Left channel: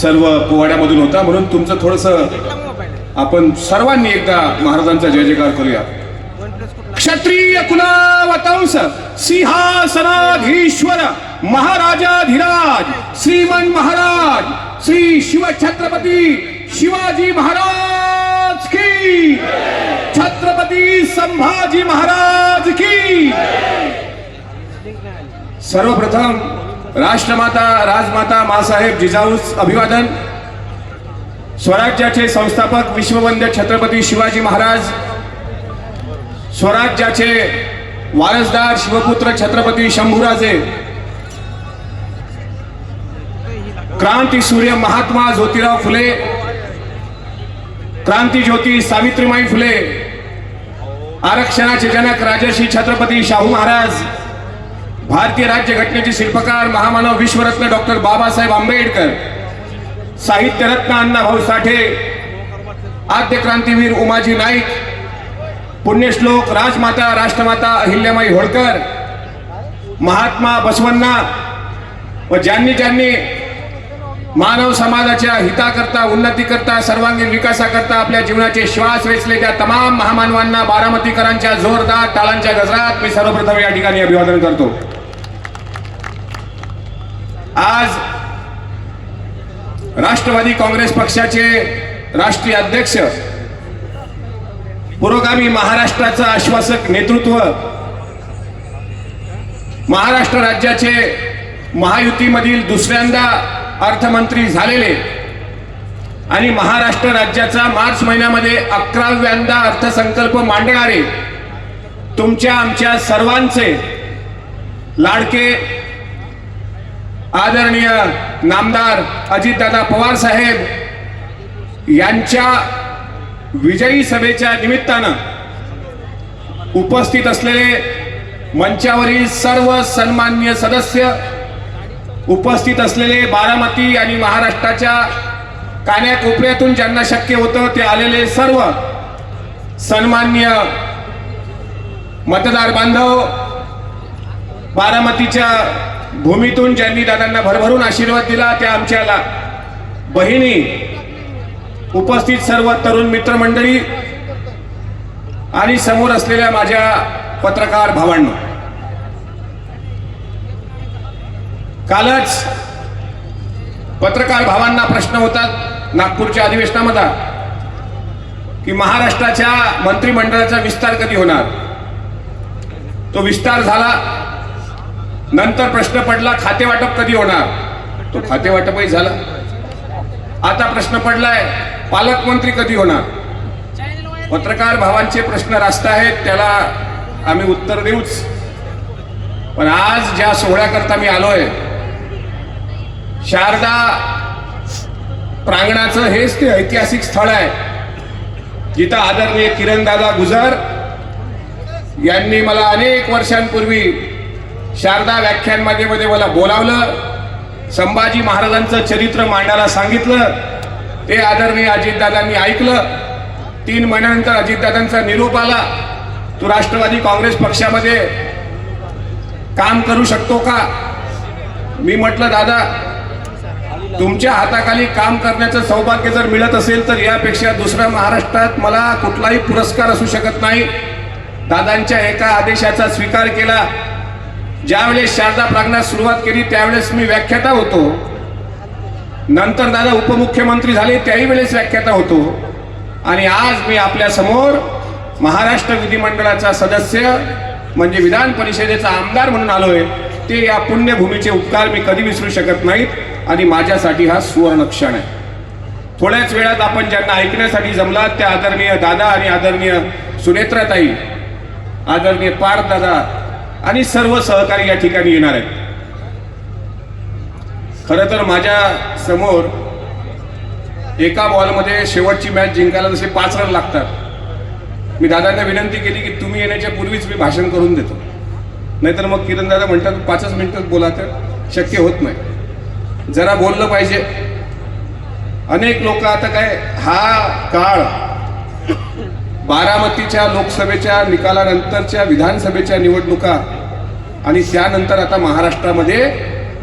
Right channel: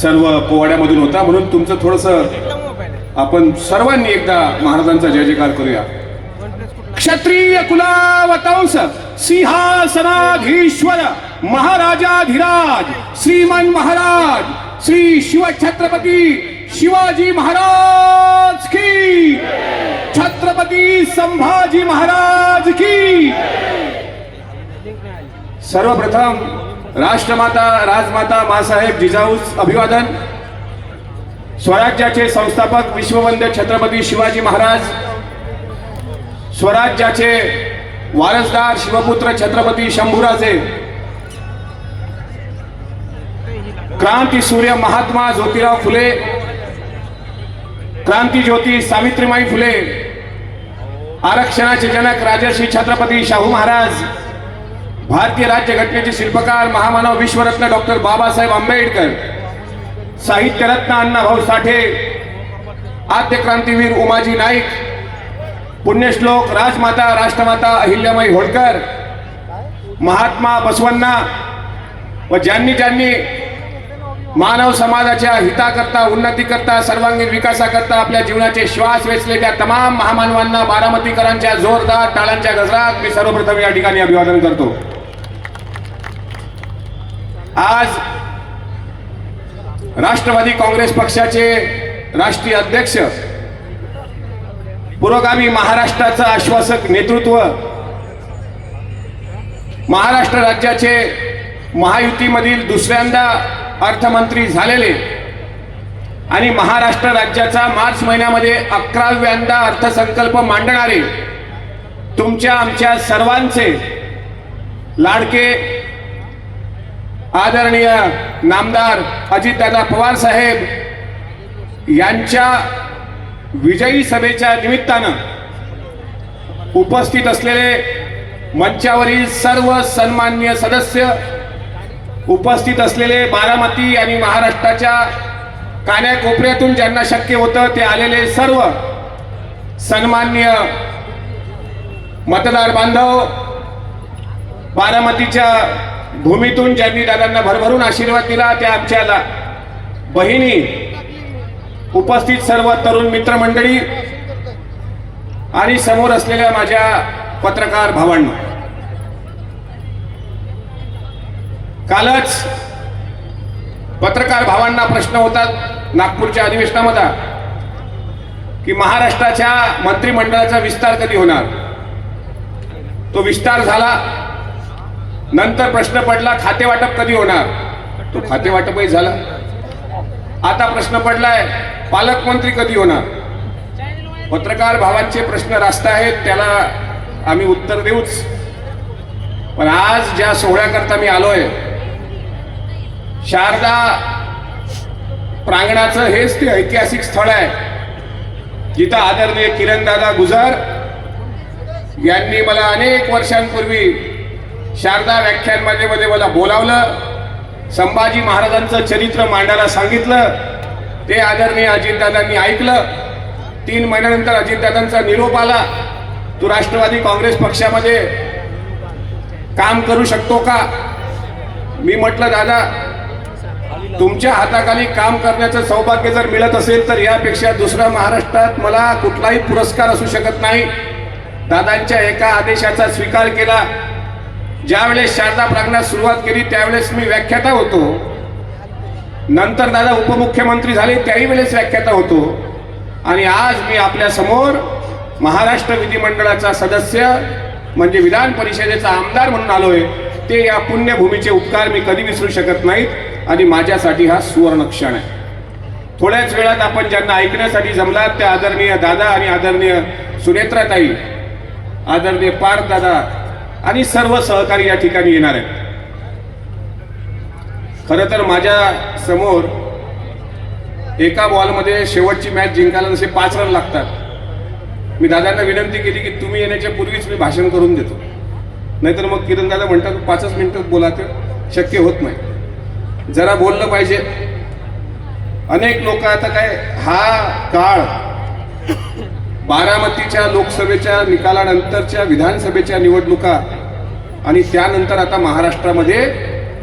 सर्व पोवाड्यामधून होता, म्हणून तुमचं थोडंसं आपण सर्वांनी एकदा महाराजांचा जय जयकार करूया. क्षत्रिय कुलावतांस सिंहासनाधीश्वर महाराजाधिराज श्रीमान महाराज श्री शिवछत्रपती शिवाजी महाराज की, छत्रपती संभाजी महाराज की. सर्वप्रथम राष्ट्रमाता राजमाता मासाहेब जिजाऊस अभिवादन. स्वराज्याचे संस्थापक विश्ववंद्य छत्रपती शिवाजी महाराज, स्वराज्याचे वारसदार शिवपुत्र छत्रपती शंभूराजे, क्रांती सूर्य महात्मा ज्योतिराव फुले, क्रांती ज्योती सावित्रीबाई फुले, आरक्षणाचे जनक राजर्षी छत्रपती शाहू महाराज, भारतीय राज्यघटनेचे शिल्पकार महामानव विश्वरत्न डॉक्टर बाबासाहेब आंबेडकर, साहित्यरत्न अण्णाभाऊ साठे, आद्य क्रांतीवीर उमाजी नाईक, पुण्यश्लोक राजमाता राष्ट्रमाता अहिल्याबाई होळकर, महात्मा बसवण्णा व ज्यांनी ज्यांनी मानव समाजाच्या हिताकरता उन्नतीकरता सर्वांगीण विकासाकरता आपल्या जीवनाचे श्वास वेचले त्या तमाम महामानवांना बारामतीकरांच्या जोरदार टाळांच्या गजरात मी सर्वप्रथम या ठिकाणी अभिवादन करतो. आज राष्ट्रवादी काँग्रेस पक्षाचे राष्ट्रीय अध्यक्ष, पुरोगामी महाराष्ट्राचं आश्वासक नेतृत्व, महाराष्ट्र राज्याचे महायुतीमधील दुसऱ्यांदा अर्थमंत्री झालेले आणि महाराष्ट्र राज्याचा मार्च महिन्यामध्ये 11व्यांदा अर्थसंकल्प मांडणारे तुमच्या आमच्या सर्वांचे लाडके आदरणीय नामदार अजितदादा पवार साहेब यांच्या विजयी सभेच्या निमित्तानं उपस्थित असलेले मंचावरील सर्व सन्माननीय सदस्य, उपस्थित असलेले बारामती आणि महाराष्ट्राच्या कानाकोपऱ्यातून ज्यांना शक्य होतं ते आलेले सर्व सन्माननीय मतदार बांधव, बारामतीच्या भूमीतून ज्यांनी दादांना भरभरून आशीर्वाद दिला त्या आमच्या बहिणी, उपस्थित सर्व तरुण मित्रमंडळी आणि समोर असलेल्या माझ्या पत्रकार भावांनो, कालच पत्रकार भावांना प्रश्न होतात नागपूरच्या अधिवेशनामध्ये की महाराष्ट्राच्या मंत्रिमंडळाचा विस्तार कधी होणार. तो विस्तार झाला, नंतर प्रश्न पडला खातेवाटप कधी होणार. तो खातेवाटपही झाला. आता प्रश्न पडलाय पालकमंत्री कधी होणार. पत्रकार भावांचे प्रश्न रास्त आहेत, त्याला आम्ही उत्तर देऊच. पण आज ज्या सोहळ्याकरता मी आलोय, शारदा प्रांगणाचं हेच ते ऐतिहासिक स्थळ आहे जिथं आदरणीय किरणदादा गुजर यांनी मला अनेक वर्षांपूर्वी शारदा व्याख्यानमालेमध्ये मला बोलावलं, संभाजी महाराजांचं चरित्र मांडायला सांगितलं. ते आदरणीय अजितदादांनी ऐकलं. 3 महिन्यानंतर अजितदादांचा निरोप आला, तू राष्ट्रवादी काँग्रेस पक्षामध्ये काम करू शकतो का. मी म्हटलं दादा, तुमच्या हाताखाली काम करण्याचं सौभाग्य जर मिळत असेल तर यापेक्षा दुसरा महाराष्ट्रात मला कुठलाही पुरस्कार असू शकत नाही. दादांच्या एका आदेशाचा स्वीकार केला. ज्यावेळेस शारदा प्रांगणात सुरुवात केली त्यावेळेस मी व्याख्याता होतो. नंतर दादा उपमुख्यमंत्री झाले त्याही वेळेस व्याख्याता होतो. आणि आज मी आपल्या समोर महाराष्ट्र विधिमंडळाचा सदस्य म्हणजे विधान परिषदेचा आमदार म्हणून आलोय. ते या पुण्यभूमीचे उपकार मी कधी विसरू शकत नाहीत आणि माझ्यासाठी हा सुवर्ण क्षण आहे. थोड्याच वेळात आपण ज्यांना ऐकण्यासाठी जमलात त्या आदरणीय दादा आणि आदरणीय सुनेत्राताई, आदरणीय पार्थ दादा आणि सर्व सहकारी या ठिकाणी येणार आहेत. खरं तर माझ्या समोर एका बॉलमध्ये शेवटची मॅच जिंकायला जसे 5 रन लागतात. मी दादांना विनंती केली की तुम्ही येण्याच्या पूर्वीच मी भाषण करून देतो, नाहीतर मग किरण दादा म्हणतात 5च मिनिटात बोला, तर शक्य होत नाही. जरा बोललं पाहिजे. अनेक लोक आता काय हा काळ बारामतीच्या लोकसभेच्या निकालानंतरच्या विधानसभेच्या निवडणुका आणि त्यानंतर आता महाराष्ट्रामध्ये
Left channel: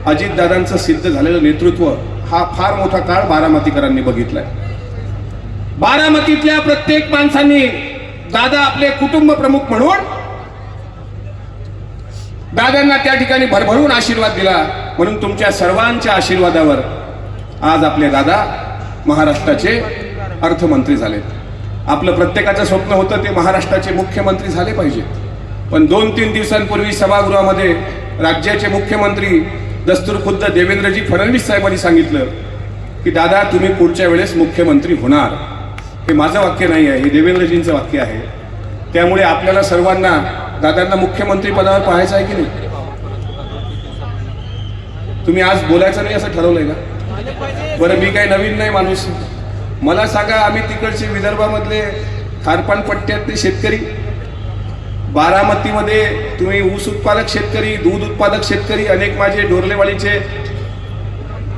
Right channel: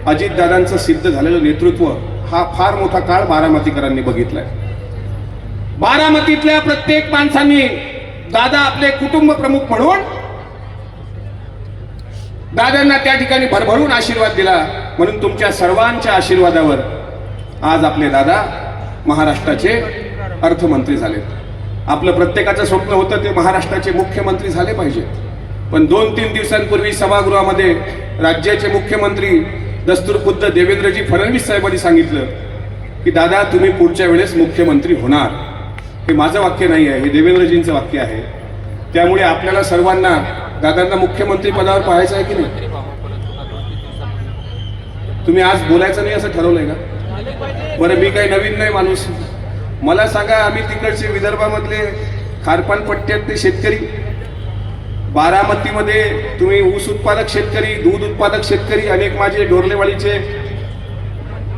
अजितदादांचं सिद्ध झालेलं नेतृत्व हा फार मोठा काळ बारामतीकरांनी बघितलाय. बारामतीतल्या प्रत्येक माणसांनी दादा आपले कुटुंब प्रमुख म्हणून दादांना त्या ठिकाणी भरभरून आशीर्वाद दिला. म्हणून तुमच्या सर्वांच्या आशीर्वादावर आज आपले दादा महाराष्ट्राचे अर्थमंत्री झाले. आपलं प्रत्येकाचं स्वप्न होतं ते महाराष्ट्राचे मुख्यमंत्री झाले पाहिजे. पण 2-3 दिवसांपूर्वी सभागृहामध्ये राज्याचे मुख्यमंत्री दस्तूरखुद्द देवेंद्रजी फडणवीस साहेबांनी सांगितलं की दादा तुम्ही पुढच्या वेळेस मुख्यमंत्री होणार. हे माझं वाक्य नाही आहे, हे देवेंद्रजींचं वाक्य आहे. त्यामुळे आपल्याला सर्वांना दादांना मुख्यमंत्री पदावर पाहायचं आहे की नाही? तुम्ही आज बोलायचं नाही असं ठरवलंय का? बरं, मी काही नवीन नाही माणूस. मला सांगा, आम्ही तिकडचे विदर्भामधले खारपान पट्ट्यातले शेतकरी, बारामतीमध्ये तुम्ही ऊस उत्पादक शेतकरी, दूध उत्पादक शेतकरी, अनेक माझे डोरलेवाडीचे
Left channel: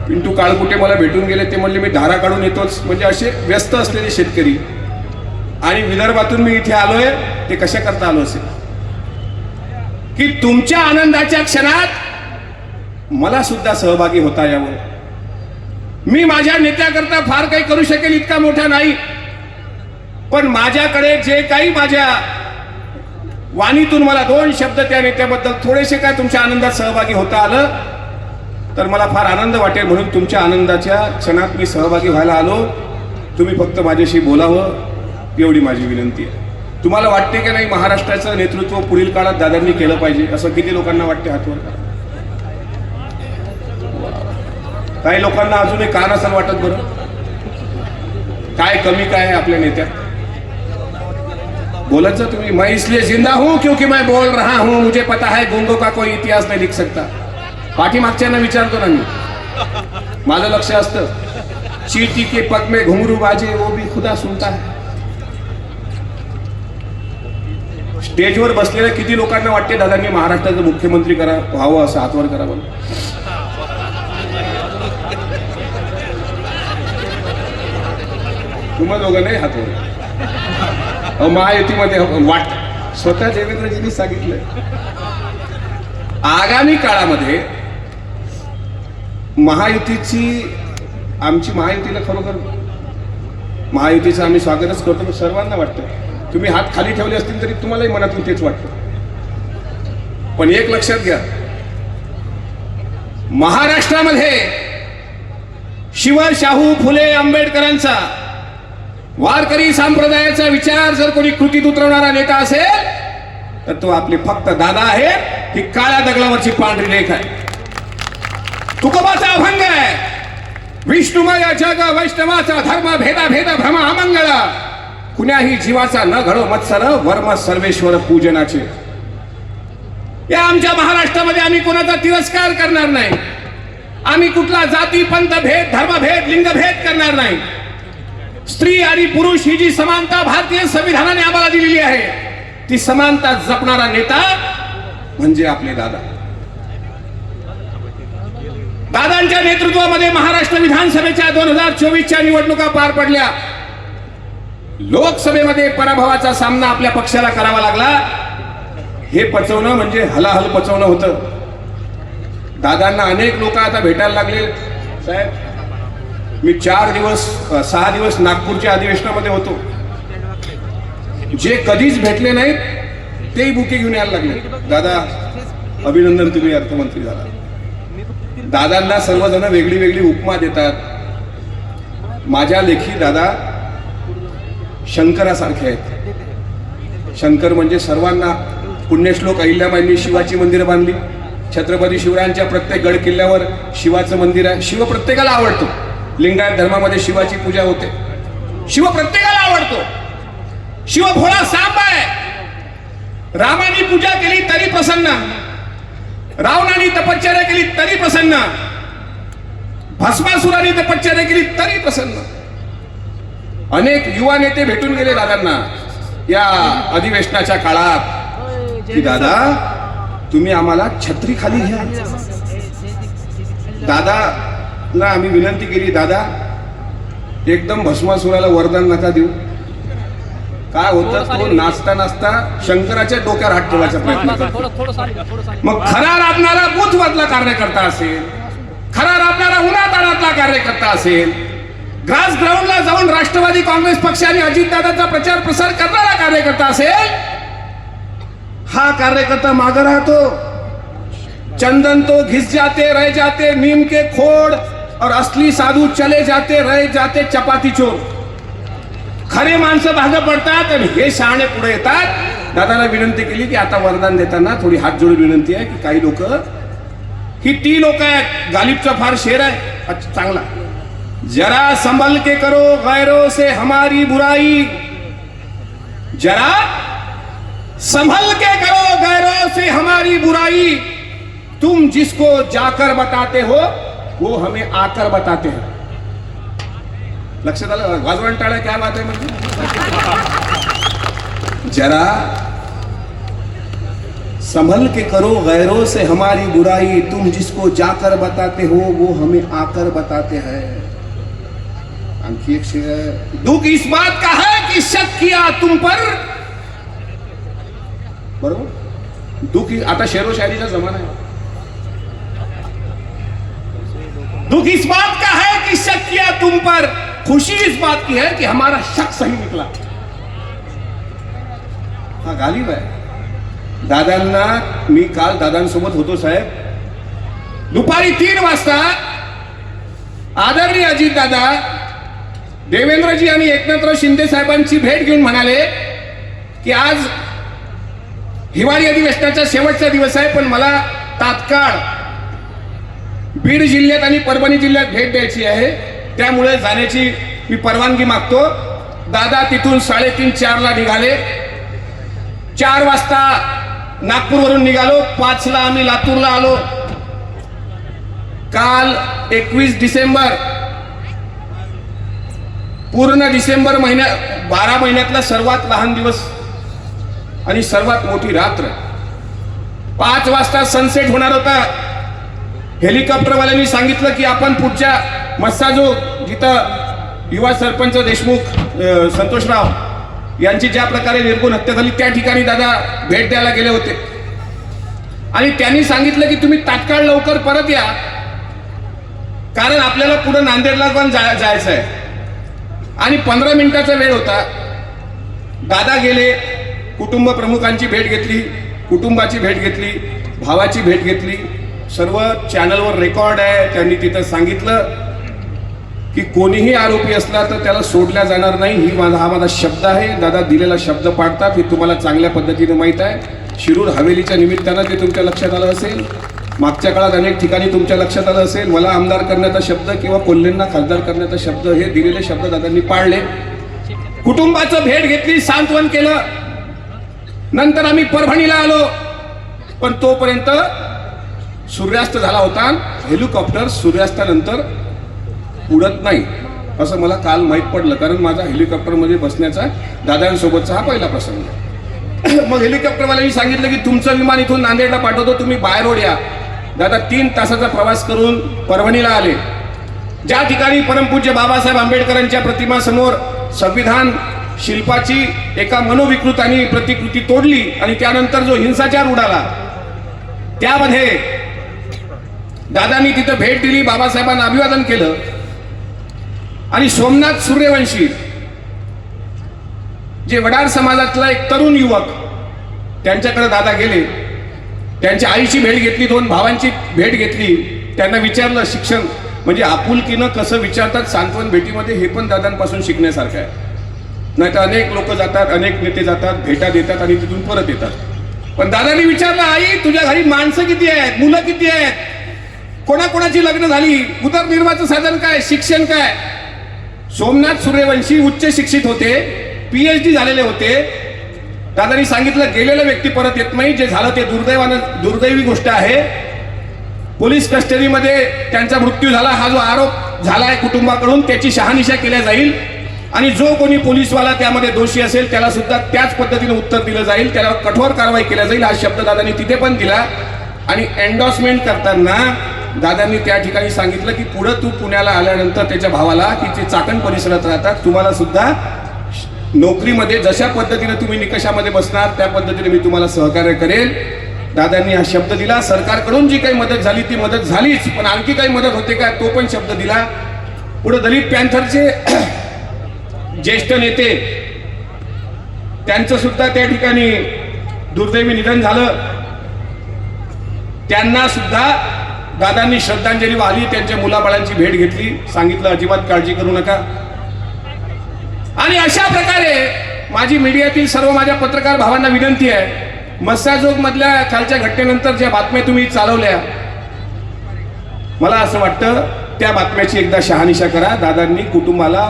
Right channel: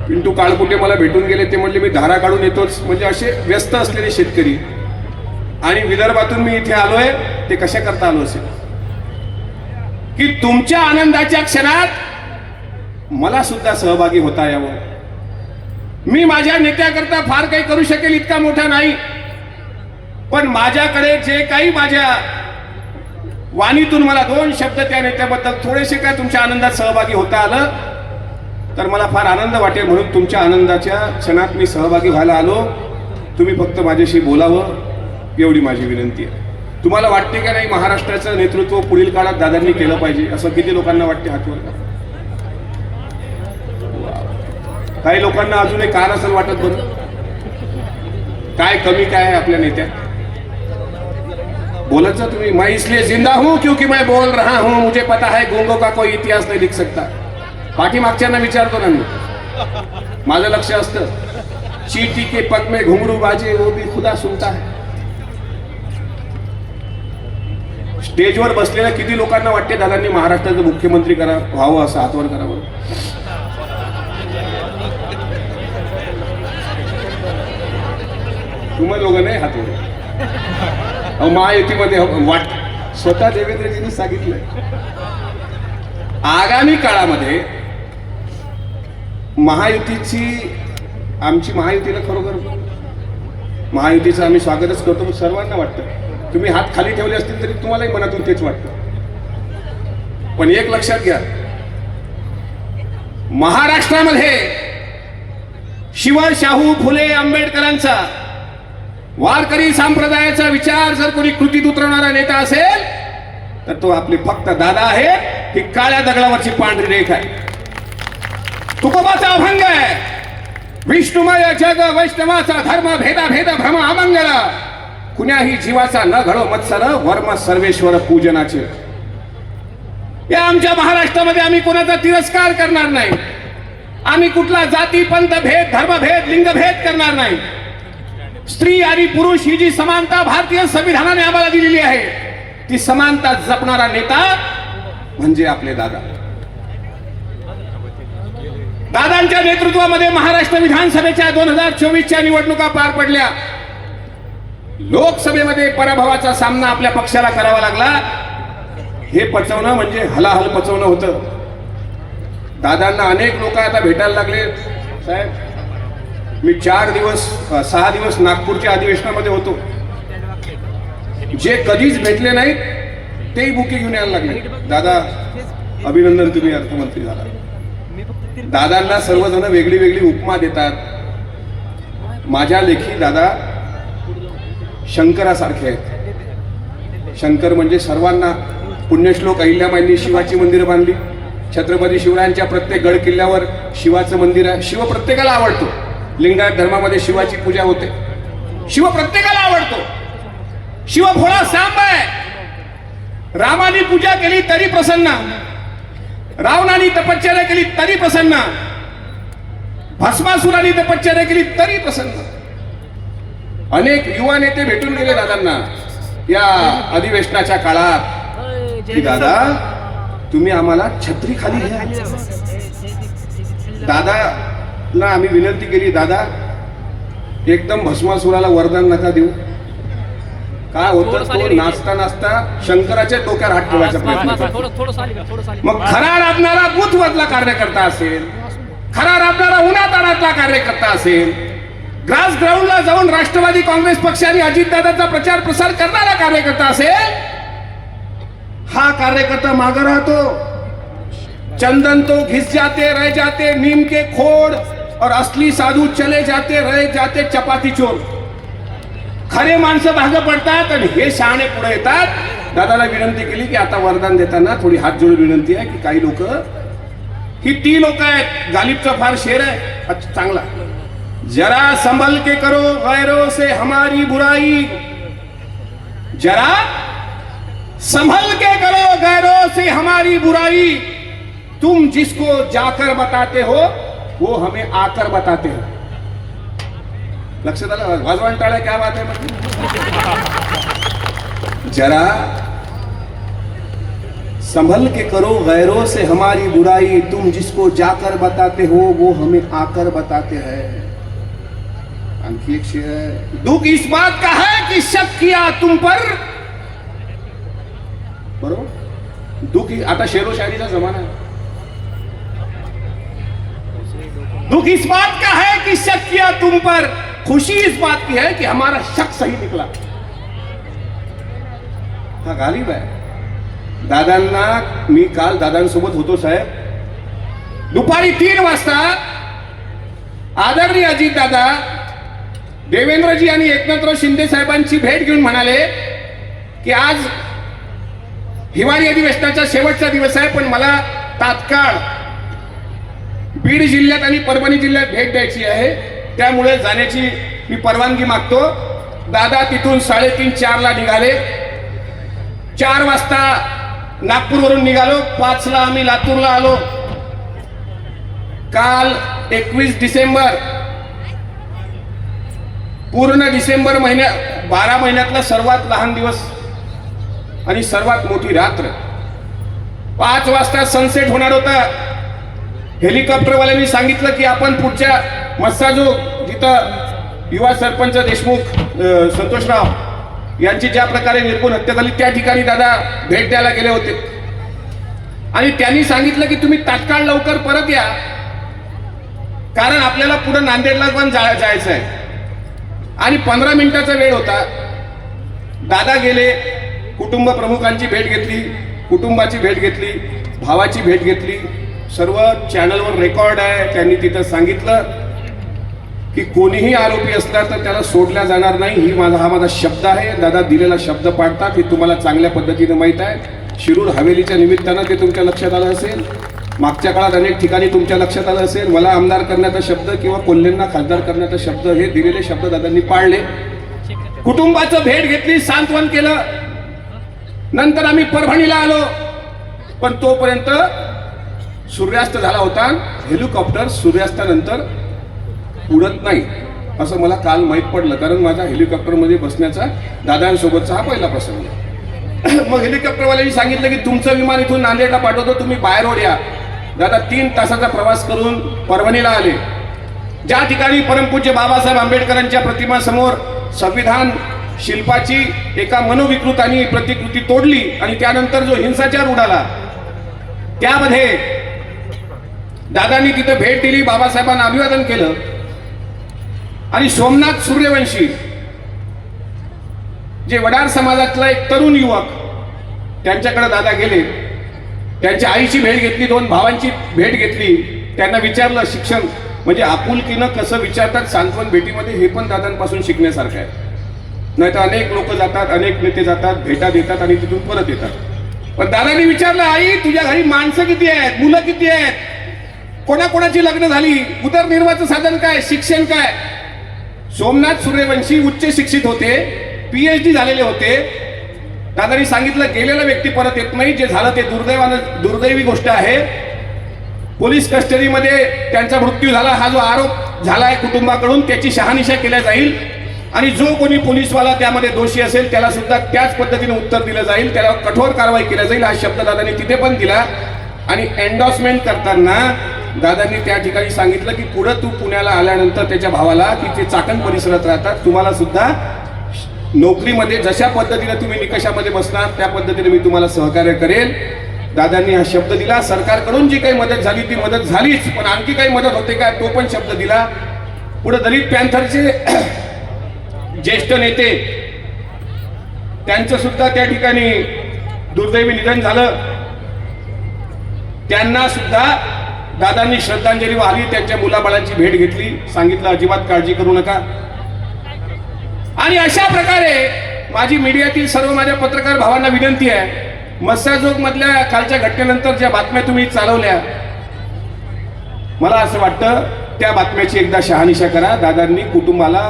पिंटू काळकुटे मला भेटून गेले. ते म्हणले मी धारा काढून येतोच. म्हणजे असे व्यस्त असलेले शेतकरी. आणि विदर्भातून मी इथे आलोय, ते कशा करता आलो असेल की तुमच्या आनंदाच्या क्षणात मला सुद्धा सहभागी होता यावं. मी माझ्या नेत्याकरता फार काही करू शकेल इतका मोठा नाही, पण माझ्याकडे जे काही माझ्या वाणीतून मला 2 शब्द त्या नेत्याबद्दल थोडेसे काय तुमच्या आनंदात सहभागी होता आलं तर मला फार आनंद वाटेल. म्हणून तुमच्या आनंदाच्या क्षणात मी सहभागी व्हायला आलो. तुम्ही फक्त माझ्याशी बोलावं एवढी माझी विनंती आहे. तुम्हाला वाटते का नाही महाराष्ट्राचं नेतृत्व पुढील काळात दादांनी केलं पाहिजे? असं किती लोकांना वाटते? हातवर. काही लोकांना अजूनही का नसेल वाटत? बरं, काय कमी काय आहे आपल्या नेत्यात? बोलत जा तुम्ही. मैं इसलिए जिंदा हूं क्योंकि मैं बोल रहा हूं. मुझे पता है गूंगों का कोई इतिहास नहीं लिख सकता. पाठीमागच्यांना विचारतो ना मी, माझं लक्ष असतं. चींटी के पग में घुंघरू बाजे वो भी खुदा सुनता है. स्टेजवर बसलेल्या किती लोकांना वाटते दादांनी महाराष्ट्राचं मुख्यमंत्री व्हावं? असं हातवर करावं. तुम्हा दोघं नाही हातवर. महायुतीमध्ये वाट स्वतः देवेंद्रजींनी सांगितलंय. आगामी काळामध्ये आमची महायुतीला खरोखर महायुतीचं आम्ही स्वागतच करतो. सर्वांना वाटतं. तुम्ही हात खाली ठेवले असतील तरी तुम्हालाही मनातून तेच वाटतं. पण एक लक्षात घ्या, महाराष्ट्रामध्ये शिव, शाहू, फुले, आंबेडकरांचा, वारकरी संप्रदायाचा विचार जर कोणी कृतीत उतरवणारा नेता असेल तर तो आपले फक्त दादा आहे. ही काळ्या दगडावरची पांढरी रेख आहे. तुकोबाचा अभंग आहे, विष्णुमय जग वैष्णवाचा धर्म, भेदा भेद भ्रम अमंगळ, कुण्याही जीवाचा न घडो मत्सर, वर्म सर्वेश्वर पूजनाचे. या आमच्या महाराष्ट्रामध्ये आम्ही कोणाचा तिरस्कार करणार नाही. आम्ही कुठला जाती पंथ भेद, धर्मभेद, लिंगभेद करणार नाही. स्त्री आणि पुरुष ही जी समानता भारतीय संविधानाने आम्हाला दिलेली आहे, ती समानता जपणारा नेता म्हणजे आपले दादा. दादांच्या नेतृत्वामध्ये महाराष्ट्र विधानसभेच्या 2024च्या निवडणुका पार पडल्या. लोकसभेमध्ये पराभवाचा सामना आपल्या पक्षाला करावा लागला. हे पचवणं म्हणजे हलाहल पचवणं होतं. दादांना अनेक लोक आता भेटायला लागले. साहेब, मी 6 दिवस नागपूरच्या अधिवेशनामध्ये होतो. जे कधीच भेटले नाहीत तेही बुके घेऊन यायला लागले. दादा अभिनंदन, तुम्ही अर्थमंत्री झाला. दादांना सर्वजण वेगळी वेगळी उपमा देतात. माझ्या लेखी दादा शंकरासारखे आहेत. शंकर म्हणजे सर्वांना पुण्यश्लोक अहिल्याबाईंनी शिवाची मंदिरं बांधली. छत्रपती शिवरायांच्या प्रत्येक गड किल्ल्यावर शिवाचं मंदिर आहे. शिव प्रत्येकाला आवडतो. लिंगायत धर्मामध्ये शिवाची पूजा होते. शिव प्रत्येकाला आवडतो. शिव भोळा सांब आहे. रामाने पूजा केली तरी प्रसन्न, रावणाने तपश्चर्या केली तरी प्रसन्न, भस्मासुराने तपश्चर्या केली तरी प्रसन्न. अनेक युवा नेते भेटून गेले दादांना या अधिवेशनाच्या काळात की दादा तुम्ही आम्हाला छत्री खाली घ्या. दादाला आम्ही विनंती केली, दादा एकदम भस्मासुराला वरदान नका देऊ. काय होतं, तो नाचता नाचता शंकराच्या डोक्यावर हात ठेवायचा प्रयत्न करतो. मग खरा राबणारा बुथ मधला कार्यकर्ता असेल, खरा राबणारा उन्हातानातला कार्यकर्ता असेल, ग्रास ग्राउंडला जाऊन राष्ट्रवादी काँग्रेस पक्ष आणि अजितदादांचा प्रचार प्रसार करणारा कार्यकर्ता असेल, हा कार्यकर्ता मागे राहतो. चंदन तो घिस जाते रह जाते नीम के खोड और असली साधू चले जाते रह जाते चपाती चोर. खरे माणसं भाग पडतात आणि हे शहाणे पुढे येतात. दादाला विनंती केली की आता वरदान देताना थोडी हात जोडून विनंती आहे की काही लोक ही ती लोक आहेत, गालिबचा फार शेर आहे. अच्छा चांगला. जरा संभल के करो गैरों से हमारी बुराई, जरा संभल के करो गैरों से हमारी बुराई, तुम जिसको जाकर बताते हो वो हमें आकर बताते हो. लक्षात आलं? वाजवण टाळ्या क्या बात आहे म्हणजे. जरा संभल के करो गैरों से हमारी बुराई, तुम जिसको जाकर बताते हो वो हमें आकर बताते हैं. आणखी एक शेर है. दुख इस बात का है कि शक किया तुम पर. बरोबर. दुख आता शेरो शायरीचा जमाना है. दुख इस बात का है कि शक किया तुम पर, खुशी इस बात की है कि हमारा शक सही निकला. हा गालिब आहे. दादांना मी काल दादांसोबत होतो साहेब. दुपारी 3 वाजता आदरणीय अजित दादा देवेंद्रजी आणि एकनाथराव शिंदे साहेबांची भेट घेऊन म्हणाले की आज हिवाळी अधिवेशनाचा शेवटचा दिवस आहे, पण मला तात्काळ बीड जिल्ह्यात आणि परभणी जिल्ह्यात भेट द्यायची आहे, त्यामुळे जाण्याची मी परवानगी मागतो. दादा तिथून 3:30-4 ला निघाले. 4 वाजता नागपूरवरून निघालो. 5 ला आम्ही लातूरला आलो. काल 21 डिसेंबर, पूर्ण डिसेंबर महिन्या 12 महिन्यातला सर्वात लहान दिवस आणि सर्वात मोठी रात्र. 5 वाजता सनसेट होणार होता. हेलिकॉप्टरवाल्यांनी सांगितलं की आपण पुढच्या मस्साजो जिथं युवा सरपंच देशमुख संतोषराव यांची ज्या प्रकारे निर्गुण हत्या झाली त्या ठिकाणी दादा भेट द्यायला गेले होते आणि त्यांनी सांगितलं की तुम्ही तात्काळ लवकर परत या, कारण आपल्याला पुढे नांदेडला पण जायचं आहे. आणि 15 मिनिटाचा वेळ होता. दादा गेले. कुटुंब प्रमुखांची भेट घेतली, कुटुंबाची भेट घेतली, भावाची भेट घेतली. सर्व चॅनलवर रेकॉर्ड आहे. त्यांनी तिथं सांगितलं की कोणीही आरोपी असला तर त्याला सोडल्या जाणार नाही. हा माझा शब्द आहे. दादा दिलेला शब्द पाळतात हे तुम्हाला चांगल्या पद्धतीने माहित आहे. शिरूर हवेलीच्या निमित्तानं ते तुमच्या लक्षात आलं असेल. मागच्या काळात अनेक ठिकाणी तुमच्या लक्षात आलं असेल. मला आमदार करण्याचा शब्द किंवा कोल्हेंना खासदार करण्याचा शब्द, हे दिलेले शब्द दादांनी पाळले. कुटुंबाचं भेट घेतली, सांत्वन केलं. नंतर आम्ही परभणीला आलो, पण तोपर्यंत सूर्यास्त झाला होता. हेलिकॉप्टर सूर्यास्तानंतर उडत नाही असं मला काल माहीत पडलं, कारण माझा हेलिकॉप्टरमध्ये बसण्याचा दादांसोबतचा हा पहिला प्रसंग. मग हेलिकॉप्टरवाल्यांनी सांगितलं की तुमचं विमान इथून नांदेडला पाठवतो, तुम्ही बाय रोड या. दादा 3 तासाचा प्रवास करून परभणीला आले. ज्या ठिकाणी परमपूज्य बाबासाहेब आंबेडकरांच्या प्रतिमासमोर संविधान शिल्पाची एका मनोविकृतांनी प्रतिकृती तोडली आणि त्यानंतर जो हिंसाचार उडाला, त्यामध्ये दादांनी तिथं भेट दिली, बाबासाहेबांना अभिवादन केलं. आणि सोमनाथ सूर्यवंशी जे वडार समाजातला एक तरुण युवक, त्यांच्याकडे दादा गेले. त्यांच्या आईची भेट घेतली, 2 भावांची भेट घेतली. त्यांना विचारलं शिक्षण म्हणजे आपुलकीनं कसं विचारतात सांत्वन भेटीमध्ये, हे पण दादांपासून शिकण्यासारखं आहे. नाहीतर अनेक लोक जातात, अनेक नेते जातात, भेटा देतात आणि तिथून परत येतात. पण दादांनी विचारलं, आई तुझ्या घरी माणसं किती आहेत, मुलं किती आहेत, कोणाकोणाची लग्न झाली, उदरनिर्वाहाचं साधन काय, शिक्षण काय. सोमनाथ सूर्यवंशी उच्च शिक्षित होते, PhD झालेले होते. दादांनी सांगितलं गेलेला व्यक्ती परत येत नाही, जे झालं ते दुर्दैवी गोष्ट आहे. पोलीस कस्टडीमध्ये त्यांचा मृत्यू झाला. हा जो आरोप झालाय कुटुंबाकडून त्याची शहानिशा केल्या जाईल आणि जो कोणी पोलीसवाला त्यामध्ये दोषी असेल त्याला सुद्धा त्याच पद्धतीने उत्तर दिलं जाईल, त्याला कठोर कारवाई केल्या जाईल. हा शब्द दादांनी तिथे पण दिला. आणि एन्डॉर्समेंट करताना दादांनी त्या ठिकाणी सांगितलं की पुढे तू पुण्याला आल्यानंतर त्याच्या भावाला की ते चाकण परिसरात राहतात, तुम्हाला सुद्धा नोकरीमध्ये जशा पद्धतीने तुम्ही निकषामध्ये बसणार त्या पद्धतीने मी तुम्हाला सहकार्य करेल. दादांनी हा शब्द दिला. सरकारकडून जी काही मदत झाली ती मदत झालीच, पण आणखी काही मदत होते का तो पण शब्द दिला. पुढे दलित पॅन्थरचे ज्येष्ठ नेते त्यांचं सुद्धा त्या ठिकाणी दुर्दैवी निधन झालं. त्यांना सुद्धा दादांनी श्रद्धांजली वाहिली, त्यांच्या मुलाबाळांची भेट घेतली, सांगितलं अजिबात काळजी करू नका. आणि अशा प्रकारे माझी मीडियातील सर्व माझ्या पत्रकार भावांना विनंती आहे, मस्साजोग मधल्या कालच्या घटनेनंतर ज्या बातम्या तुम्ही चालवल्या, मला असं वाटतं त्या बातम्याची एकदा शहानिशा करा. दादांनी कुटुंबाला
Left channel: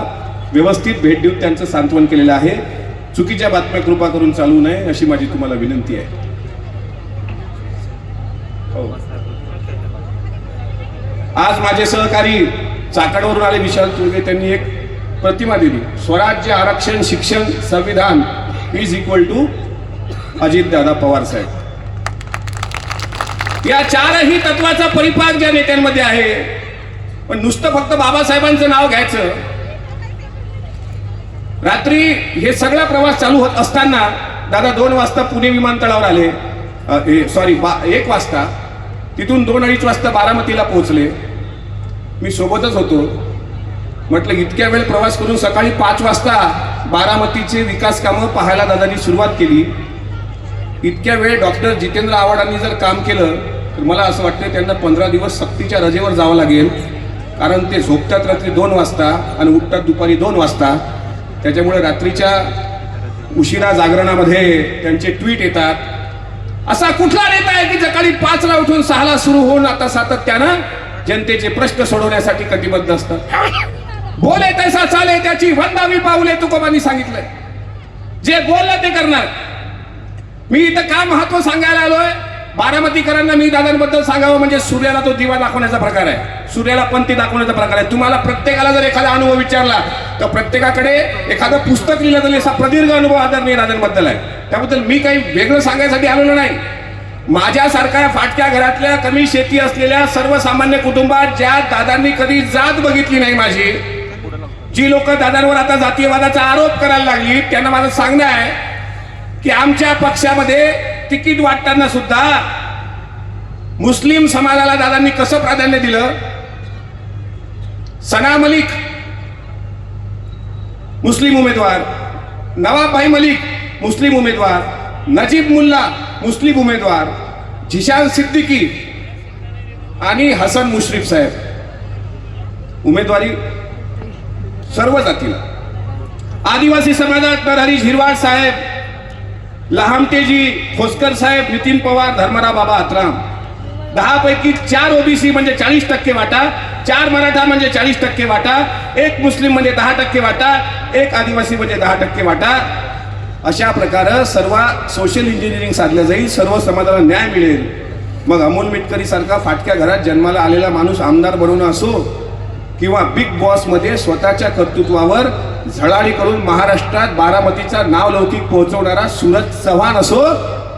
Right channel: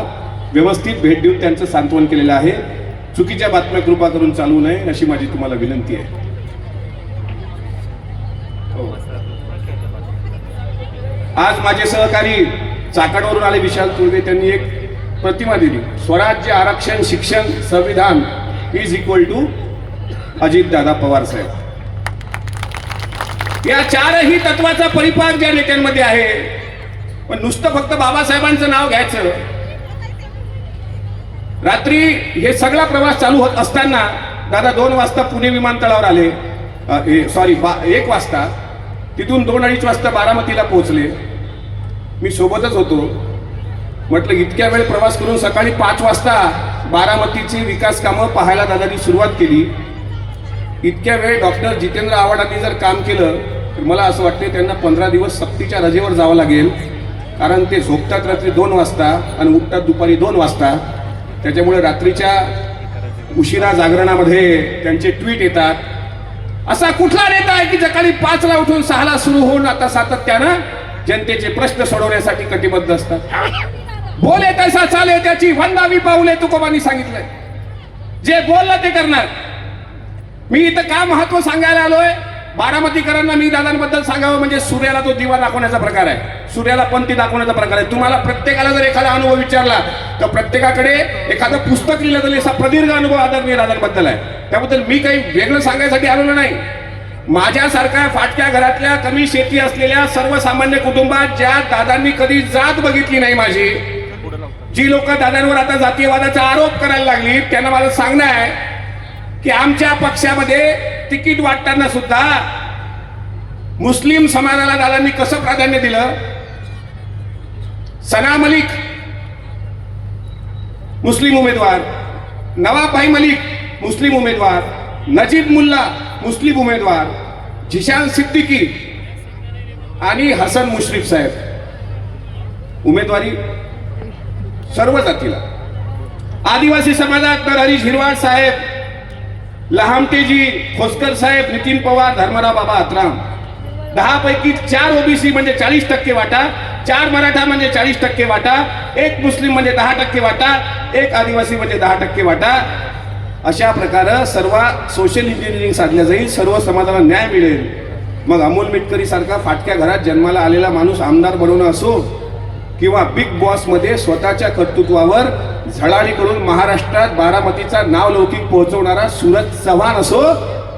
व्यवस्थित भेट देऊन त्यांचं सांत्वन केलेलं आहे. चुकीच्या बातम्या कृपा करून चालू नये अशी माझी तुम्हाला विनंती आहे. आज माझे सहकारी चाकणवरून आले विशाल तुर्वे, त्यांनी एक प्रतिमा दिली, स्वराज्य, आरक्षण, शिक्षण, संविधान is equal to Ajitdada Pawar saheb. या चारही तत्वाचा परिपाक ज्या नेत्यांमध्ये आहे. पण नुसतं फक्त बाबासाहेबांचं नाव घ्यायचं. रात्री हे सगळा प्रवास चालू होत असताना दादा 2 वाजता पुणे विमानतळावर आले, 1 वाजता. तिथून 2-2:30 वाजता बारामतीला पोहोचले. मी सोबतच होतो. म्हटलं इतक्या वेळ प्रवास करून सकाळी 5 वाजता बारामतीचे विकास कामं पाहायला दादांनी सुरुवात केली. इतक्या वेळ डॉक्टर जितेंद्र आव्हाडांनी जर काम केलं तर मला असं वाटतं त्यांना 15 दिवस सक्तीच्या रजेवर जावं लागेल. कारण ते झोपतात रात्री 2 वाजता आणि उठतात दुपारी 2 वाजता. त्याच्यामुळे रात्रीच्या उशिरा जागरणामध्ये त्यांचे ट्विट येतात. असा कुठला नेता आहे की सकाळी 5ला उठून 6ला सुरू होऊन आता सातत्यानं जनतेचे प्रश्न सोडवण्यासाठी कटिबद्ध असतात. बोले तैसा चाले त्याची वंदावी पाऊले तुकोबांनी सांगितलंय. जे बोललं ते करणार. मी इथं काय महत्व सांगायला आलोय, बारामतीकरांना मी दादांबद्दल सांगावं म्हणजे सूर्याला तो दिवा दाखवण्याचा प्रकार आहे, सूर्याला पंथी दाखवण्याचा प्रकार आहे. तुम्हाला प्रत्येकाला जर एखादा अनुभव विचारला तर प्रत्येकाकडे एखादं पुस्तक लिहिलं तरी असा प्रदीर्घ अनुभव आदरणीय दादांबद्दल आहे. त्याबद्दल मी काही वेगळं सांगायसाठी आलेलो नाही. माझ्यासारख्या फाटक्या घरातल्या कमी शेती असलेल्या सर्वसामान्य कुटुंबात ज्या दादांनी कधी जात बघितली नाही माझी, जी लोक दादांवर आता जातीयवादाचा आरोप करायला लागली, त्यांना माझं सांगणं आहे की आमच्या पक्षामध्ये तिकीट वाटताना सुद्धा मुस्लिम समाजाला दादांनी कसं प्राधान्य दिलं. सना मलिक मुस्लिम उमेदवार, नवाब मलिक मुस्लिम उमेदवार, नजीब मुल्ला मुस्लिम उमेदवार, झिशान सिद्दीकी आणि हसन मुश्रीफ साहेब उमेदवारी सर्व जातीला. आदिवासी समाजात नरहरी झिरवाड साहेब, लहामटेजी खोसकर साहेब, नितीन पवार, धर्मराव बाबा आत्राम. 10 पैकी 4 ओबीसी म्हणजे 40% वाटा, 4 मराठा म्हणजे 40% वाटा, 1 मुस्लिम म्हणजे 10% वाटा, 1 आदिवासी म्हणजे 10% वाटा. अशा प्रकारे सर्व सोशल इंजिनिअरिंग साधलं जाईल, सर्व समाजाला न्याय मिळेल. मग अमोल मिटकरी सारखा फाटक्या घरात जन्माला आलेला माणूस आमदार बनवणं असो किंवा बिग बॉस मध्ये स्वतःच्या कर्तृत्वावर झळाळी करून महाराष्ट्रात बारामतीचा नाव लौकिक पोहोचवणारा सूरज चव्हाण असो,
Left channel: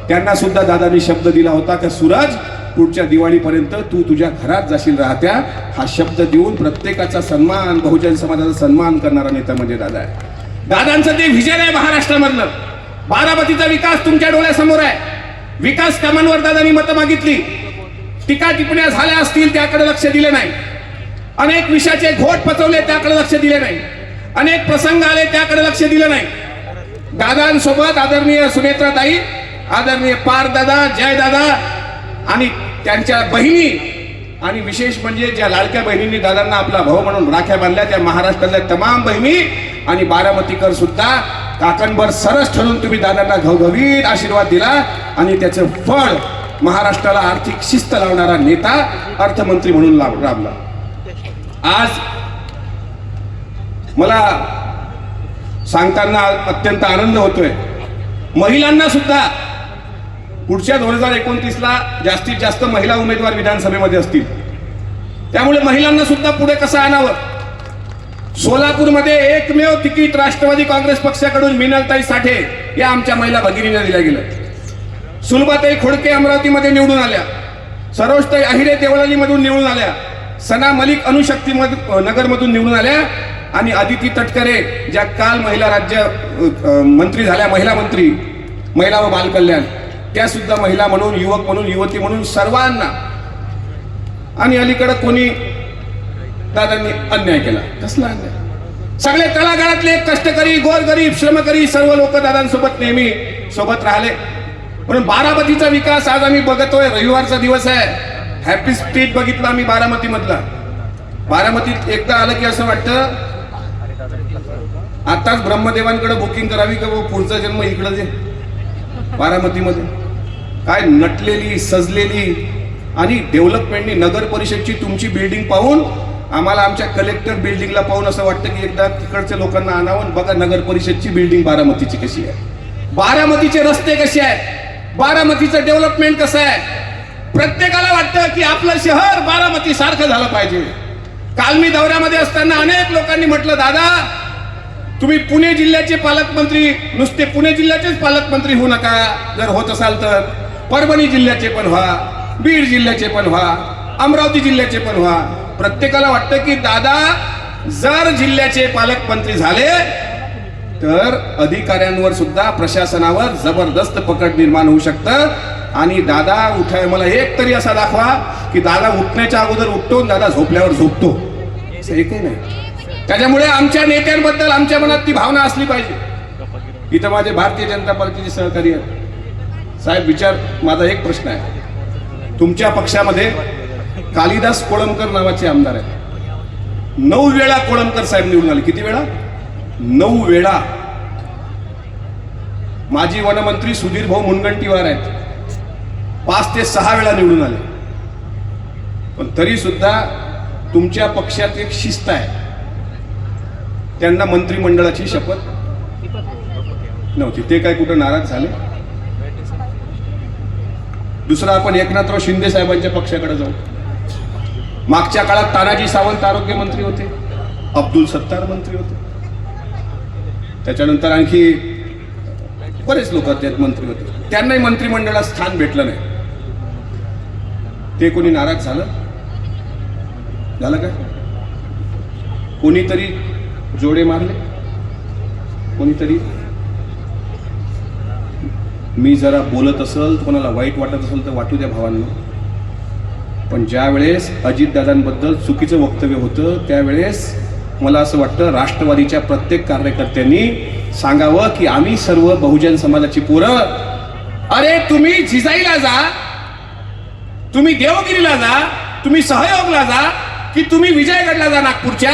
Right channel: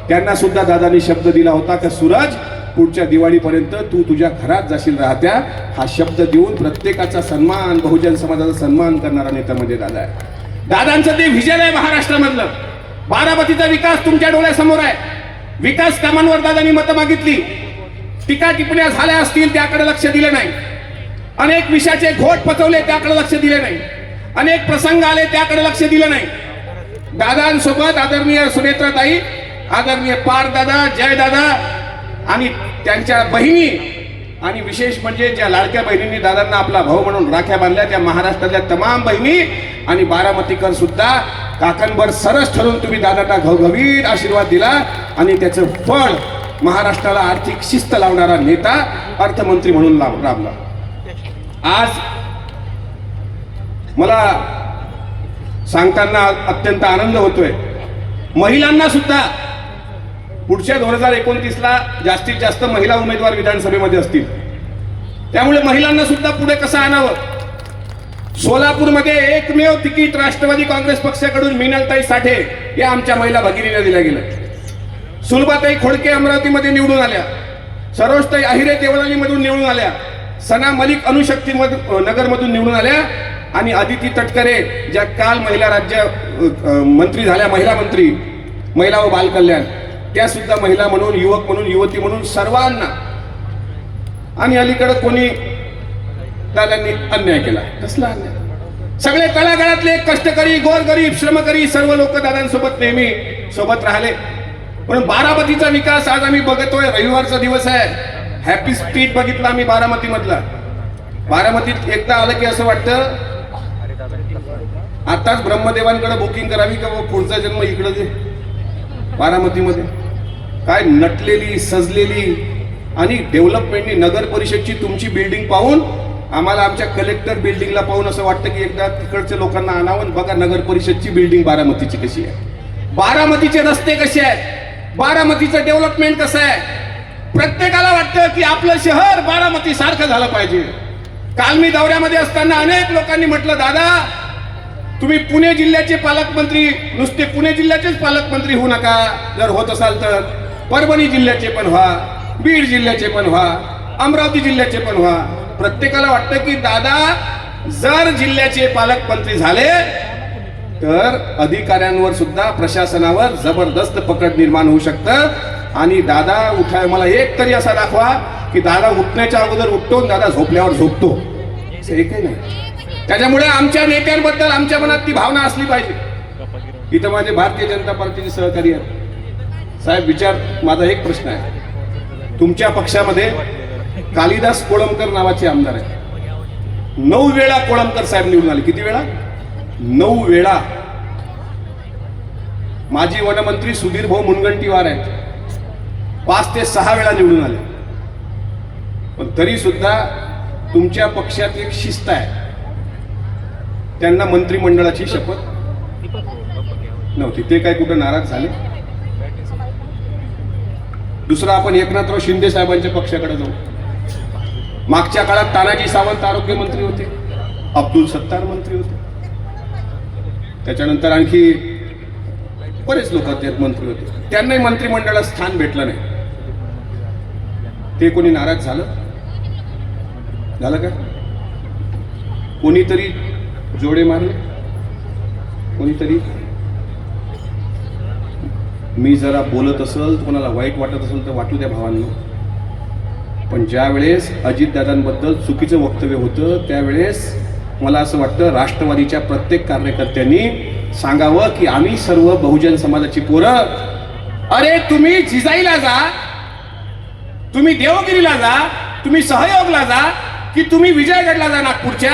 त्यांना सुद्धा दादांनी शब्द दिला होता की सूरज पुढच्या दिवाळीपर्यंत तू तुझ्या घरात जाशील राहत्या. हा शब्द देऊन प्रत्येकाचा सन्मान, बहुजन समाजाचा सन्मान करणारा नेता म्हणजे दादा आहे. दादांचं ते व्हिजन आहे महाराष्ट्रामधलं. बारामतीचा विकास तुमच्या डोळ्यासमोर आहे. विकास कामांवर दादांनी मतं मागितली, टीका टिप्पण्या झाल्या असतील त्याकडे लक्ष दिलं नाही. अनेक विषयाचे घोट पचवले त्याकडे लक्ष दिले नाही. अनेक प्रसंग आले त्याकडे लक्ष दिलं नाही. दादांसोबत आदरणीय सुनेत्राताई, आदरणीय पार दादा, जय दादा आणि त्यांच्या बहिणी आणि विशेष म्हणजे ज्या लाडक्या बहिणींनी दादांना आपला भाऊ म्हणून राख्या बांधल्या, त्या महाराष्ट्रातल्या तमाम बहिणी आणि बारामतीकर सुद्धा काकणभर सरस ठरून तुम्ही दादांना घवघवीत आशीर्वाद दिला आणि त्याचं फळ महाराष्ट्राला आर्थिक शिस्त लावणारा नेता अर्थमंत्री म्हणून लाभला. आज मला सांगताना अत्यंत आनंद होतोय. महिलांना सुद्धा पुढच्या 2029ला जास्तीत जास्त महिला उमेदवार विधानसभेमध्ये असतील. त्यामुळे महिलांना सुद्धा पुढे कसं आणावं. सोलापूरमध्ये एकमेव तिकीट राष्ट्रवादी काँग्रेस पक्षाकडून मिनलताई साठे या आमच्या महिला भगिनींना दिल्या गेल्या. सुलभाताई खोडके अमरावतीमध्ये निवडून आल्या, सरोजताई अहिरे देवळालीमधून निवडून आल्या, सना मलिक अणुशक्ती नगरमधून निवडून आल्या आणि अदिती तटकरे ज्या काल महिला राज्य मंत्री झाल्या, महिला मंत्री महिला व बाल कल्याण, त्या सुद्धा महिला म्हणून, युवक म्हणून, युवती म्हणून सर्वांना. आणि अलीकडे कोणी दादांनी अन्याय केला. कसला अन्याय? सगळे तळागाळातले कष्टकरी, गोरगरीब, श्रमकरी सर्व लोक दादांसोबत नेहमी सोबत राहिले. पण बारामतीचा विकास आज आम्ही बघतोय. रविवारचा दिवस आहे. हॅपी स्ट्रीट बघितला आम्ही बारामती मधला. बारामतीत एकदा आलं की असं वाटतं आताच ब्रह्मदेवांकडे बुकिंग करावी का पुढचा जन्म इकडे दे. बारामतीमध्ये काय नटलेली, सजलेली आणि डेव्हलपमेंटनी नगर परिषदची तुमची बिल्डिंग पाहून आम्हाला आमच्या कलेक्टर बिल्डिंगला पाहून असं वाटतं की एकदा तिकडच्या लोकांना आणावं. बघा नगर परिषदची बिल्डिंग बारामतीची कशी आहे, बारामतीचे रस्ते कसे आहेत, बारामतीचं डेव्हलपमेंट कसं आहे. प्रत्येकाला वाटतं की आपलं शहर बारामती सारखं झालं पाहिजे. काल मी दौऱ्यामध्ये असताना अनेक लोकांनी म्हटलं, दादा तुम्ही पुणे जिल्ह्याचे पालकमंत्री, नुसते पुणे जिल्ह्याचेच पालकमंत्री होऊ नका. जर होत असाल तर परभणी जिल्ह्याचे पण व्हा, बीड जिल्ह्याचे पण व्हा, अमरावती जिल्ह्याचे पण व्हा. प्रत्येकाला वाटतं की दादा जर जिल्ह्याचे पालकमंत्री झाले तर अधिकाऱ्यांवर सुद्धा, प्रशासनावर जबरदस्त पकड निर्माण होऊ शकतं. आणि दादा उठा, मला एक तरी असा दाखवा की दादा उठण्याच्या अगोदर उठतो, दादा झोपल्यावर झोपतो. एकही नाही. त्याच्यामुळे आमच्या नेत्यांबद्दल आमच्या मनात ती भावना असली पाहिजे. इथं माझे भारतीय जनता पार्टीचे सहकारी आहेत. साहेब विचार, माझा एक प्रश्न आहे. तुमच्या पक्षामध्ये कालिदास कोळंबकर नावाचे आमदार आहेत. 9 वेळा कोळंबकर साहेब निवडून आले. किती वेळा? 9 वेळा. माजी वनमंत्री सुधीर भाऊ मुनगंटीवार आहेत, 5 ते 6 वेळा निवडून आले. पण तरी सुद्धा तुमच्या पक्षात एक शिस्त आहे. त्यांना मंत्रिमंडळाची शपथ नव्हती. ते काय कुठे नाराज झाले? दुसरा, आपण एकनाथराव शिंदे साहेबांच्या पक्षाकडे जाऊ. मागच्या काळात तानाजी सावंत आरोग्य मंत्री होते, अब्दुल सत्तार मंत्री होते, त्याच्यानंतर आणखी बरेच लोक त्यात मंत्री होते. त्यांनाही मंत्रिमंडळात स्थान भेटलं नाही. ते कोणी नाराज झालं काय? कोणीतरी जोडे मारले, कोणीतरी. मी जरा बोलत असेल, कोणाला वाईट वाटत असेल तर वाटू द्या भावांना. पण ज्या वेळेस अजितदादांबद्दल चुकीचं वक्तव्य होतं त्यावेळेस मला असं वाटतं राष्ट्रवादीच्या प्रत्येक कार्यकर्त्यांनी सांगावं की आम्ही सर्व बहुजन समाजाची पोरं, अरे तुम्ही जिजाईला जा, तुम्ही देवगिरीला जा, तुम्ही सहयोगला जा, की तुम्ही विजयगडला जा नागपूरच्या.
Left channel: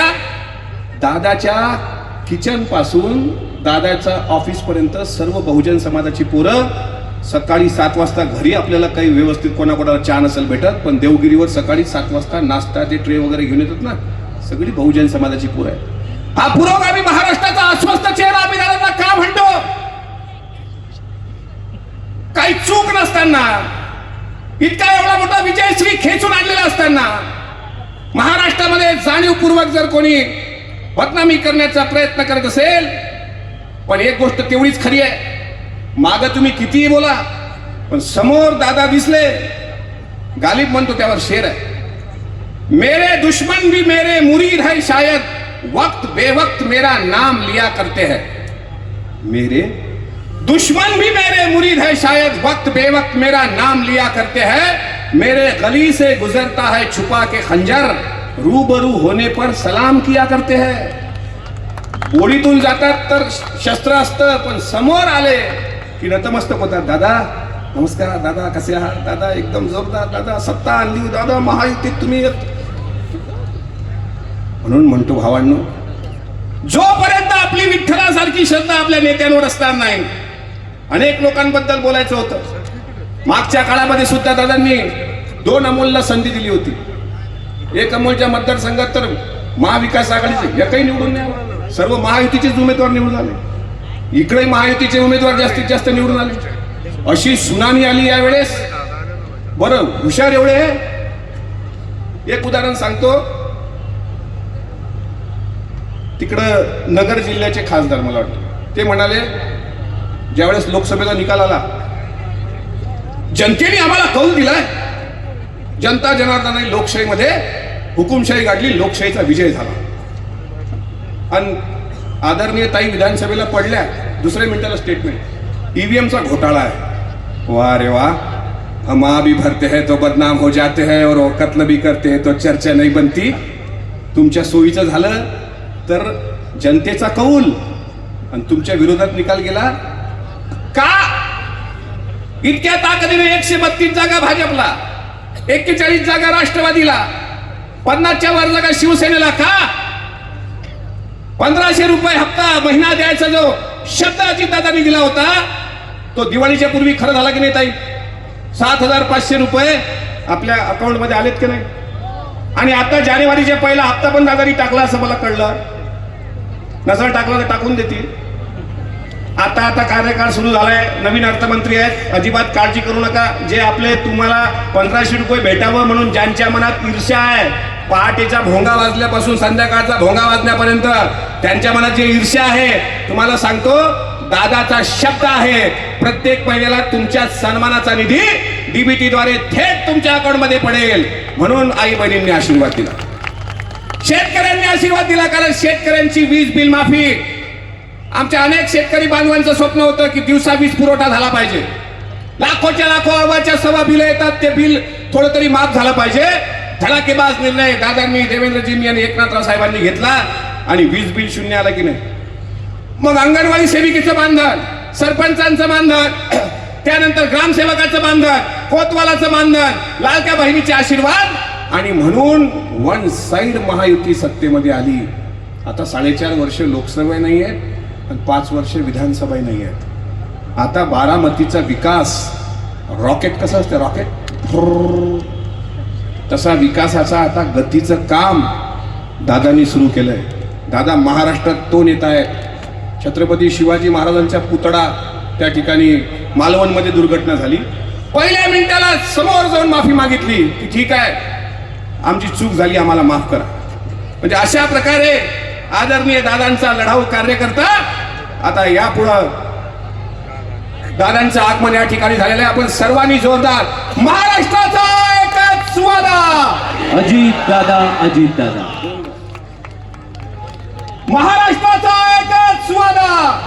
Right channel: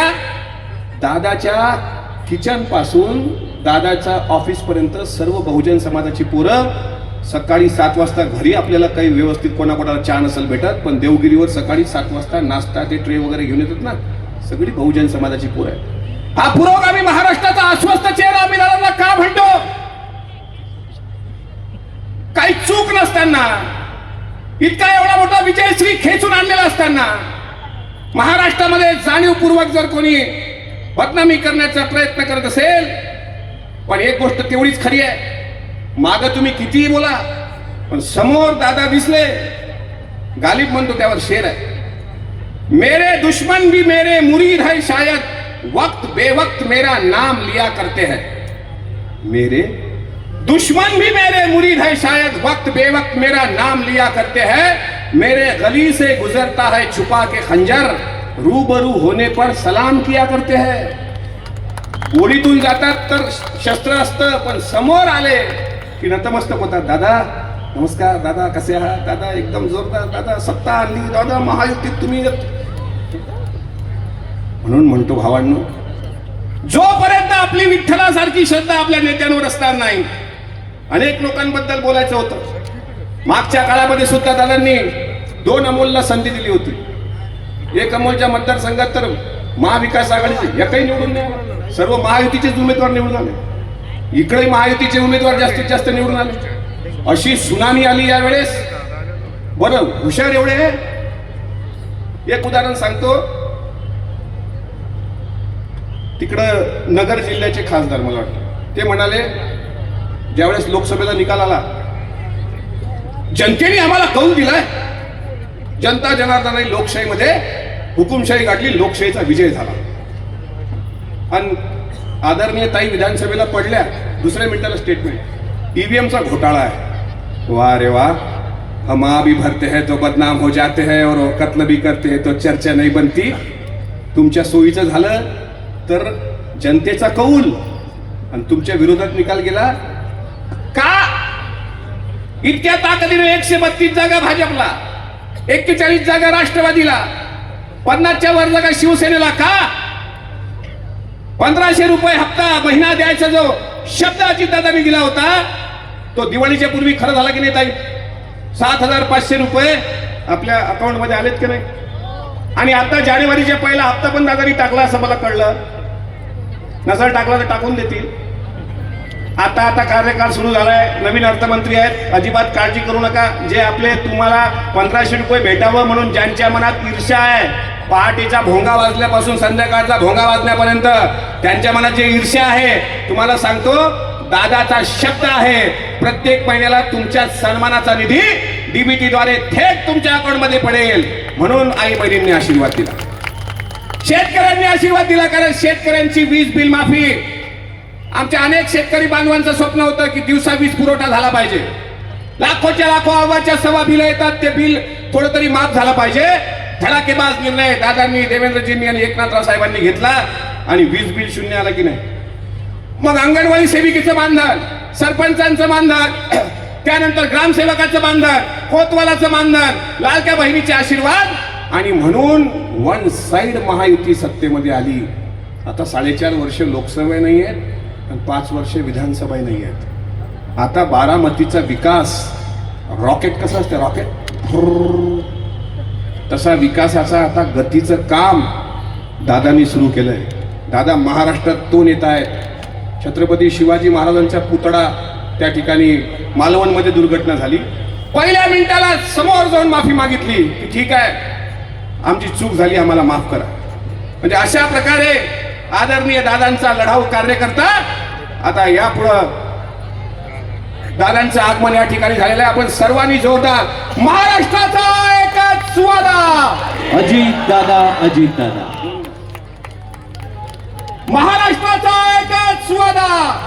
दादाच्या किचन पासून दादाच्या ऑफिस पर्यंत सर्व बहुजन समाजाची पोरं सकाळी 7 वाजता घरी आपल्याला काही व्यवस्थित कोणाकोणाला चहा नसेल भेटत, पण देवगिरीवर सकाळी 7 वाजता नाश्ता ते ट्रे वगैरे घेऊन येतात ना, सगळी बहुजन समाजाची पोरं आहे. हा पुरोगामी महाराष्ट्राचा अस्वस्थ चेहरा आम्ही दादांना का म्हणतो? काही चूक नसताना, इतका एवढा मोठा विजयश्री खेचून आणलेला असताना महाराष्ट्रामध्ये जाणीवपूर्वक जर कोणी बदनामी करण्याचा प्रयत्न करत असेल. पण एक गोष्ट तेवढीच खरी आहे, मागं तुम्ही कितीही बोला पण समोर दादा दिसले. गालिब म्हणतो त्यावर शेर आहे, मेरे दुश्मन भी मेरे मुरीद है शायद, वक्त बेवक्त मेरा नाम लिया करते हैं. मेरे दुश्मन भी मेरे मुरीद है शायद, वक्त बेवक्त मेरा नाम लिया करते हैं. मेरे गली से गुजरता है छुपा के खंजर, रूबरू होने पर सलाम किया करते हैं. गोळीतून जातात तर शस्त्र असतं, पण समोर आले की नतमस्तक होतात. दादा नमस्कार, दादा कसे आहात, दादा एकदम जोरदार, दादा सत्ता आणली, दादा महायुतीत तुम्ही. म्हणून म्हणतो भावांनो, जोपर्यंत आपली विठ्ठलासारखी श्रद्धा आपल्या नेत्यांवर असणार नाही. अनेक लोकांबद्दल बोलायचं होतं. मागच्या काळामध्ये सुद्धा दादांनी 2 अमोलला संधी दिली होती. एक अमोलच्या मतदारसंघात तर महाविकास आघाडीचे एकही निवडून नाही, सर्व महायुतीचेच उमेदवार निवडून आले. इकडे महायुतीचे उमेदवार जास्तीत जास्त निवडून आले. अशी सुनामी आली यावेळेस. बरं हुशार एवढे आहे. एक उदाहरण सांगतो. तिकडं नगर जिल्ह्याचे खासदार मला वाटतं ते म्हणाले, ज्यावेळेस लोकसभेचा निकाल आला, जनतेने आम्हाला कौल दिलाय, जनता जनार्दनाने लोकशाहीमध्ये हुकुमशाही गाठली, लोकशाहीचा विजय झाला. आणि आदरणीय ताई विधानसभेला पडल्या, दुसऱ्या मिनिटाला स्टेटमेंट, ईव्हीएमचा घोटाळा आहे. वाह रे वाह, हम आ भी भरते हैं तो बदनाम हो जाते हैं और वो कत्ल भी करते हैं तो चर्चा नाही बनती. तुमच्या सोयीचं झालं तर जनतेचा कौल आणि तुमच्या विरोधात निकाल गेला का? इतक्या ताकदीने 132 जागा भाजपला, 41 जागा राष्ट्रवादीला, 50च्या वर जागा शिवसेनेला का? 1500 रुपये हप्ता महिना द्यायचा जो शब्द अजितदादांनी दिला होता तो दिवाळीच्या पूर्वी खरं झाला की नाही ताई? 7500 रुपये आपल्या अकाउंट मध्ये आलेत की नाही? आणि आता जानेवारीच्या पहिला हप्ता पण दादानी टाकला असं मला कळलं. नजर टाकला तर टाकून देतील. आता कार्यकाळ सुरू झालाय, नवीन अर्थमंत्री आहेत, अजिबात काळजी करू नका. जे आपले तुम्हाला 1500 रुपये भेटावं म्हणून ज्यांच्या मनात ईर्ष्या आहे, पहाटेचा भोंगा वाजल्यापासून संध्याकाळचा भोंगा वाजण्यापर्यंत त्यांच्या मनात जे ईर्ष्या आहे, तुम्हाला सांगतो दादाचा शब्द आहे, प्रत्येक महिन्याला तुमच्या सन्मानाचा निधी डीबीटी द्वारे थेट तुमच्या अकाउंट मध्ये पडेल. म्हणून आई बहिणींनी आशीर्वाद दिला, शेतकऱ्यांनी आशीर्वाद दिला. कारण शेतकऱ्यांची वीज बिल माफी, आमच्या अनेक शेतकरी बांधवांचं स्वप्न होतं की दिवसा वीज पुरवठा झाला पाहिजे. लाखोच्या लाखो आवाजच्या सवा बिल येतात, ते बिल थोडं तरी माफ झाला पाहिजे. धडाकेबाज निर्णय दादांनी, देवेंद्रजींनी आणि एकनाथराव साहेबांनी घेतला आणि वीज बिल शून्य आलं की नाही. मग अंगणवाडी सेविकेचं मानधन, सरपंचांचं मानधन, त्यानंतर ग्रामसेवकाचं मानधन, कोतवालाचं मानधन, लाडक्या बहिणीचे आशीर्वाद, आणि म्हणून वन साइड महायुती सत्तेमध्ये आली. आता 4.5 वर्ष लोकसभा नाही आहेत आणि 5 वर्ष विधानसभा नाही आहेत. आता बारामतीचा विकास रॉकेट कसं असतं, रॉकेट तसा विकासाचा आता गतीचं काम दादांनी सुरू केलंय. दादा महाराष्ट्रात तो नेता आहे. छत्रपती शिवाजी महाराजांचा पुतळा त्या ठिकाणी मालवणमध्ये दुर्घटना झाली, पहिल्या मिनिटाला समोर जाऊन माफी मागितली की ठीक आहे, आमची चूक झाली, आम्हाला माफ करा. म्हणजे अशा प्रकारे आदरणीय दादांचा लढाऊ कार्यकर्ता आता यापुढं दादांचं आगमन या ठिकाणी झालेलं आहे. आपण सर्वांनी जोरदार महाराष्ट्राचा एकच सुवादा अजित दादा, अजित दादा, महाराष्ट्राचा एकच सुवादा.